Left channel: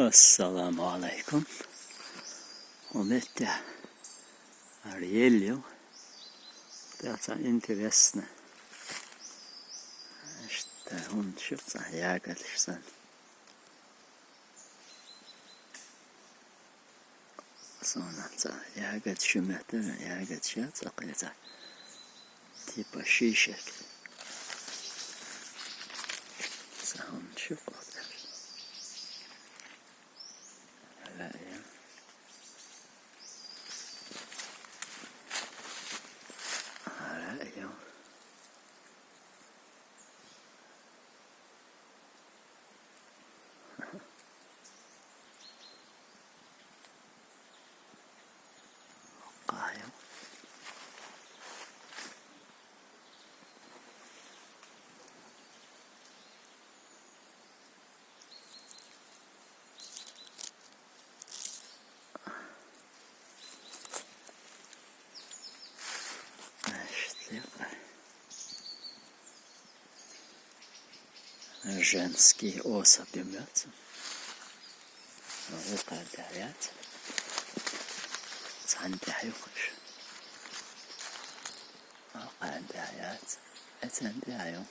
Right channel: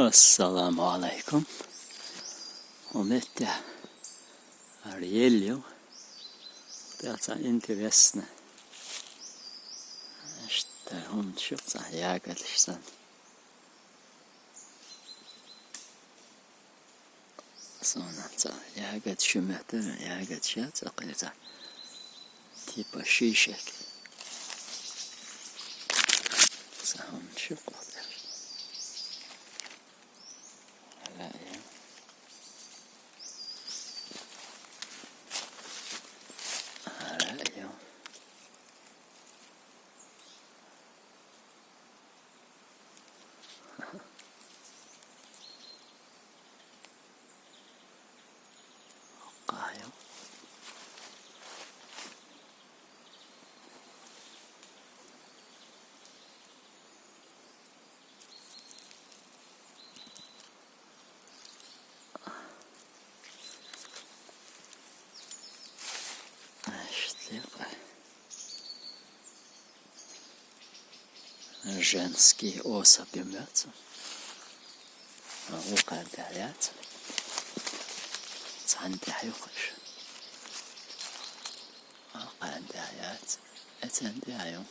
Assalamu alaikum. Omette Arielio. Det är alltså intressant. Işte hon köpte jägarlisten. Sonra jägat şümetten jägat şat akılca. Tipa şişek. Så hon köpte det. Ja. Женский особь имеется. وقع دعيات عندي حيوقش وقع دعيات عندي عيون